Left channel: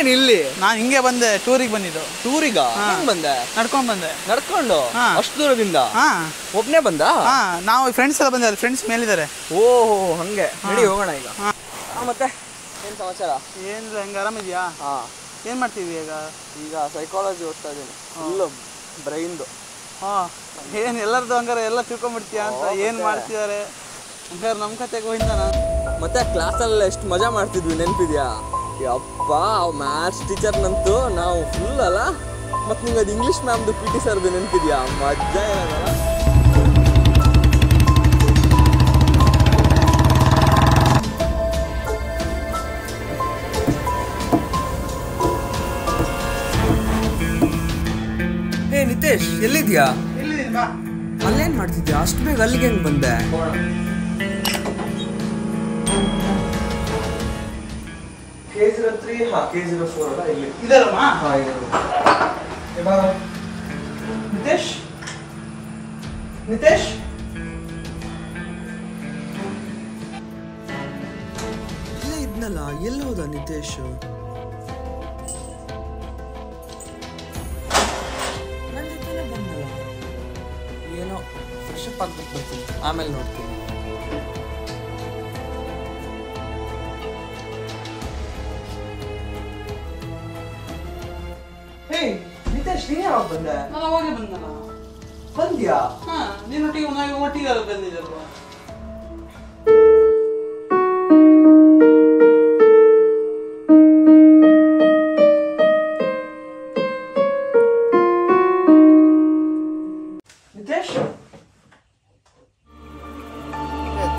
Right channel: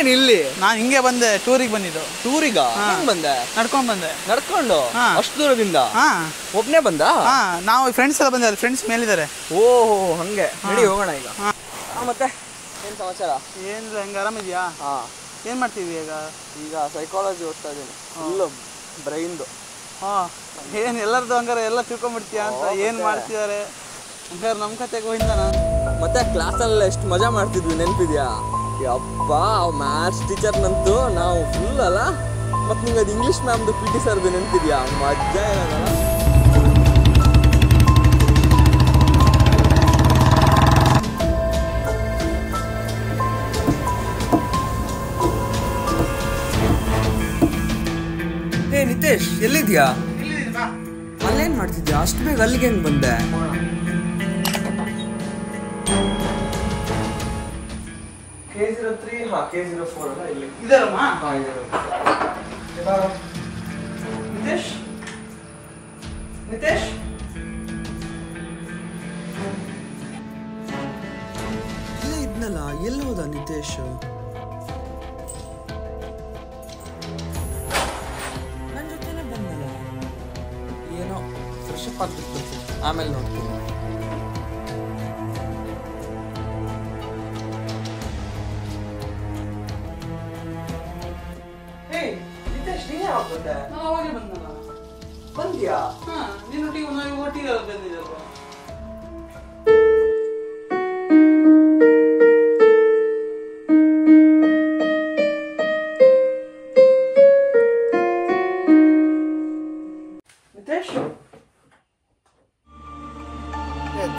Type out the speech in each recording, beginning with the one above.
ನೀನೇನು ಇಲ್ಲಿ? ನಾನು ಹಿಂಗೆ ಬಂದೆ, ಟೂರಿಗೆ ಬಂದಿದ್ದು. ಟೂರಿಗ? ಹೆಂಗ್ ಬಂದೆ? ನಡ್ಕೊಂಡ್ ಬಂದೆ. ನಡ್ಕೊಂಡು ಅಷ್ಟು ದೂರದಿಂದ? ಒಬ್ನೇ ಬಂದ? ನಾವು ಫ್ರೆಂಡ್ಸ್ ಎಲ್ಲ ಬಂದಿದ್ದಾರೆ, ಫ್ರೆಂಡ್ಸ್ ಮೇಲಿದ್ದಾರೆ. ಓಹೋ ಹಂಗೆ, ನಡಿ ಹೋಗೋಣ ಈಗ. ಮತ್ತೆ ಏನ್ ಸಮಾಚಾರ? ಏನಿಲ್ಲ, ಹೆಂಗೆ ಆರಾಮಿದ್ಯಾ? ಏನು ಮಾಡ್ತೀವಿ ಈಗ? ಈಗ ಸೈಕಾಲಜಿ ಓದ್ತಾ ಇದ್ದೀನಿ, ಫುಲ್ಲು ಬ್ರೈನ್ದು. ಏನು ಎಲ್ಲರದ್ದು ಹಂಗಾರೆ ಎಲ್ಲ ತಿಳ್ಕೊಂಬಿಡ್ತೀಯಾ ಅಂತ? ಏನು ಮಾಡ್ತಿದ್ದಾರೆ ಹಂಗಾರೆ? ನಮ್ಮ ಕತೆಗೆ ಹೋಯ್ತಾ ನಾನು. ಮತ್ತೆ ಕ್ಲಾಸಲ್ಲಿ ಎಷ್ಟು ಮಜಾ ಮಾಡ್ತಿದ್ವಿ, ನೆನಪಿದ್ಯಾ? ಯಪ್ಪ, ಮ್ಯಾಥ್ಸ್ ಟೀಚರ್ನಂತೂ ನಾವು ಫುಲ್ ಅಲ್ಲ. ಮತ್ತು ನಿಂಗೆ ಅದು ಇಂಗ್ಲೀಷ್ ಮ್ಯಾಮ್ದು PT ಸರ್ದು ನೆನಪಿದ್ಯಾ? ಮಜಾ ಇರೋದಲ್ಲ. ಏ ನಿತೇಶ್, ಎಲ್ಲಿದ್ಯಾ? ಅಲ್ಲೇನ್ ಮಾಡ್ತಿದ್ಯಾ? ಅಷ್ಟು ಬೇಗ ಅಲ್ಲಿಗೆ ಹೆಂಗ್ ಬಂದೆ? K03 K04 ಅಲ್ಲ ಇಲ್ಲಿ ಇದರಮ್ಮ? ಇದರು. ನಿತೇಶ್, ನಿತೇಶ್ ಇಲ್ಲೇ ಇದ್ನಲ್ಲ, ಎಲ್ಲಿ ಹೋದ ನಿತೇಶ್? ನನ್ನ ಜೊತೆನೆ ಬಂದಲ್ಲ. ಏನೋ ಫ್ರೆಶ್ ಅಪ್ ಆಗ್ಬಿಟ್ಟು ಬರ್ತೀನಿ, ಆಮೇಲೆ ನೋಡ್ತೀನಿ. ನಿತೇಶ್, ನೀನೇ ಯಾವಾಗ ಬಂದೆ? ನಾನು ಅವಾಗೇ ಬಂದಲ್ಲ. ಬಂದ್ಯಾ? ನಿನ್ನೊಟ್ಟಿಗೆ ಒಟ್ಟಿಗೆ ಬಂದಿದ್ದಲ್ಲ. ನಿತೇಶ್,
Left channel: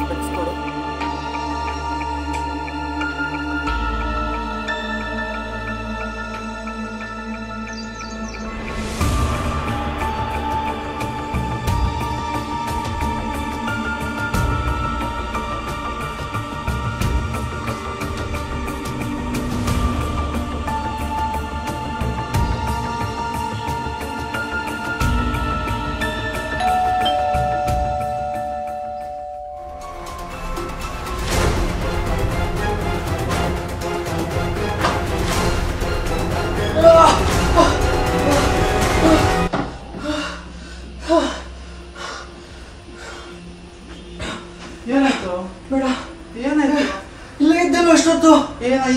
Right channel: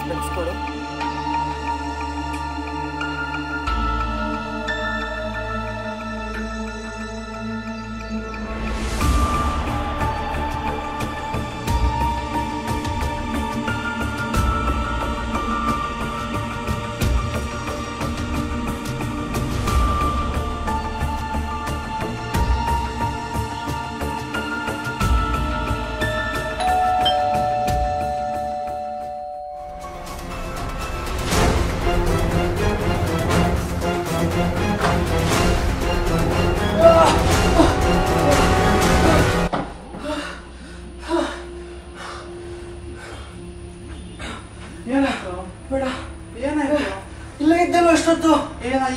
ಸ್ಪೆಕ್ಸ್ ಕೊಡು. ಏನಾಯ್ತು? ಬೇಡ, ಏನಾಯ್ತು? ಇಲ್ಲೇ ಇದ್ದೇನು ಅಷ್ಟೊತ್ತು?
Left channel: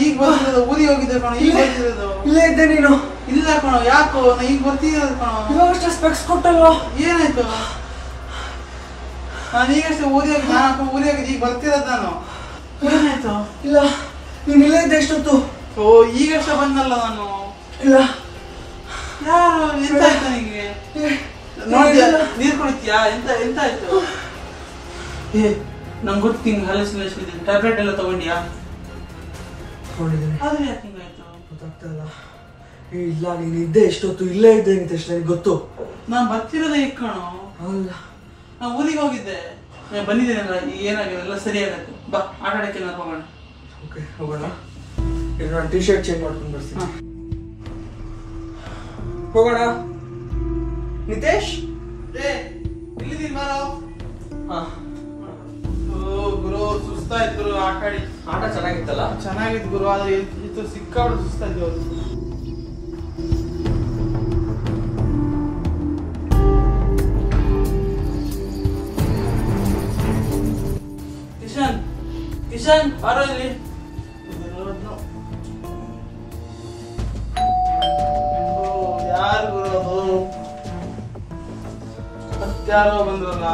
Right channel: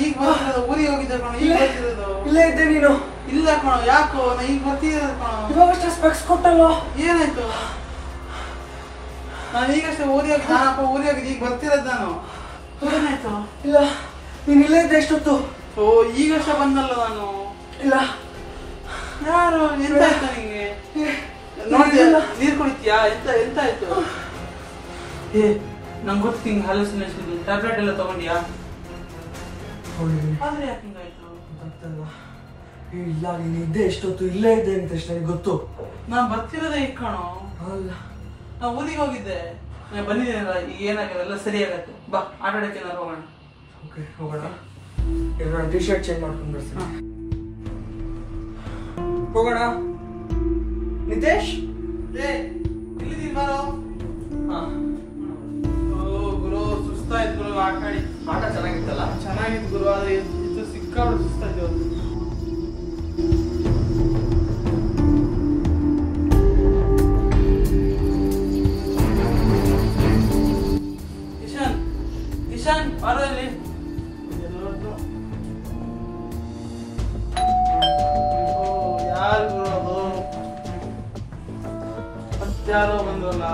ಈಗ ಬರ್ತಿರೋದು, ಊರಿಗೆ ಹೋಗಿದ್ದೆ ಕಣೋ. ಈಗ ಬರ್ತಿರೋದು. ಇಲ್ಲೇ ಇದ್ದೆ ನೀನು? ಇಲ್ಲ ಕಣೋ, ಯಾಕೋ ಈಗ ಬರ್ತಿರೋದು ಕಣೋ. ಇವಾಗಷ್ಟೇ ಸ್ಪೆಕ್ಸ್ ಕೊಟ್ಟಲ್ವ? ಏನಾಯ್ತು? ನಾನು ಈಗಷ್ಟೇ ಊರಿಗೆ ಹೋಗಿದ್ದು, ಈಗ ಬರ್ತಿರೋದು ನಾನು. ಏನಾಯ್ತು? ಇಲ್ಲ, ನೀನು ಇಲ್ಲೇ ಇದ್ದೆ ಎಷ್ಟೊತ್ತು? ಈಗಷ್ಟೇ ಬಂದಲ್ಲ ನಾನು. ಇಲ್ಲ. ಯಾರು? ಎಂತ ಆಯ್ತು ನಿಂಗೆ? ನೋಡಿದ್ಯಾ? ನೀರು ಕುಡಿತೀಯಾ? ಎಂತ ಆಯ್ತು? ನಂಗೆ ಗೊತ್ತು ಹಿಂಗೆ ಹಲಸಿನಷ್ಟು ಇದೆ. ಟ್ಯಾಬ್ಲೆಟ್ ಎಲ್ಲ ತಗೊಂಡ್ಯಾ? ಆದ್ರೆ ಯಾಕೆ ಹಿಂಗಾಯ್ತು? ಗೊತ್ತಾಗ್ತಲ್ಲ. ಇಲ್ಲ, ನೀನು ಇದ್ದೆ ಎಷ್ಟೊತ್ತು? ಇಲ್ಲೇ ಇದ್ದೆ ನಿತೇಶ್, ನನಗೆ ಗೊತ್ತು. ನಾನು ಬರ್ತಿರೋದೇ ಈಗ ಕಣೋ. ಅಲ್ಲ, ನಾನು ಊರಿಗೆ ಹೋಗಿದ್ದೆ, ನಾನು ಬಂದಿದ್ದೀನಲ್ಲ. ಈಗ ಏನಾಗಿದೆ? ಎಲ್ಲ ಸರಿ ಆಗತ್ತೆ. ಬಾ, ಆಟ ಆಡಕ್ಕೆ ನಾನು ಹೋಗೋಣ. ಓಕೆ, ಹೋಗೋಣ. ಈಗ ನಾನು ಟಿ ಶರ್ಟ್ ಚೇಂಜ್ ಮಾಡ್ಕೊಂಡು ಬರ್ತೀನಿ. ಹೋಗೋಣ. ನಿತೇಶ್, ಎಲ್ಲಿದ್ದೀನಿ ಬಾರೋ. ಹಾ. ಗುರು, ಸುಸ್ತಾಯ್ತು ಗುರು. ಆಟ ಚೆನ್ನಾಗಿತ್ತಲ್ಲ? ಚೆನ್ನಾಗಿತ್ತು ಗುರು, ಆದ್ರೆ ಇದು ಸಿಕ್ಕಾಪಟ್ಟೆ ಸುಸ್ತಾಯ್ತು. ಕಿಶನ್ ಬಾರೋ ಇಲ್ಲಿ. ಯಾರು ಗುರು ಅದು? ಮತ್ತಾರೋ ಬಂದ್ರಲ್ಲ.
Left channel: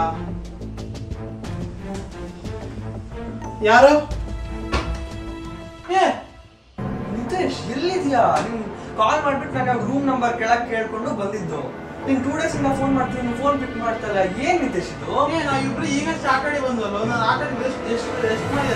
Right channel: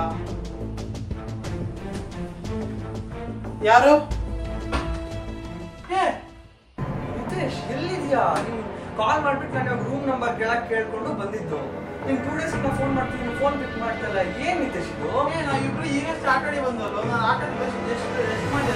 ಯಾರು? ನಿತೇಶ್, ಎಲ್ಲಿದ್ಯಾ? ನೀನು ಕಾಲ್ ಮಾಡ್ಬಿಟ್ಟು ನಾನು ರೂಮ್ ನಂಬರ್ ಕೇಳಕ್ ಕೇಳ್ಕೊಂಡು ಬಂದಿದ್ದು. ನೀನ್ 2 days ಇಂದ ಫೋನ್ ಮಾಡ್ತೀನಿ, ನೀನ್ ಫೋನ್ ಪಿಕ್ ಮಾಡ್ತಾ ಇಲ್ಲ. ಏನ್ ನಿತೇಶ್ ಇದು? ನಾವು ಇಬ್ರು ಈಗ ಆಟಾಡಿ ಬಂದ್ವಲ್ಲ. ನಾನು ಆಟಾಡಿ ಎಷ್ಟು ಮಾಡಿ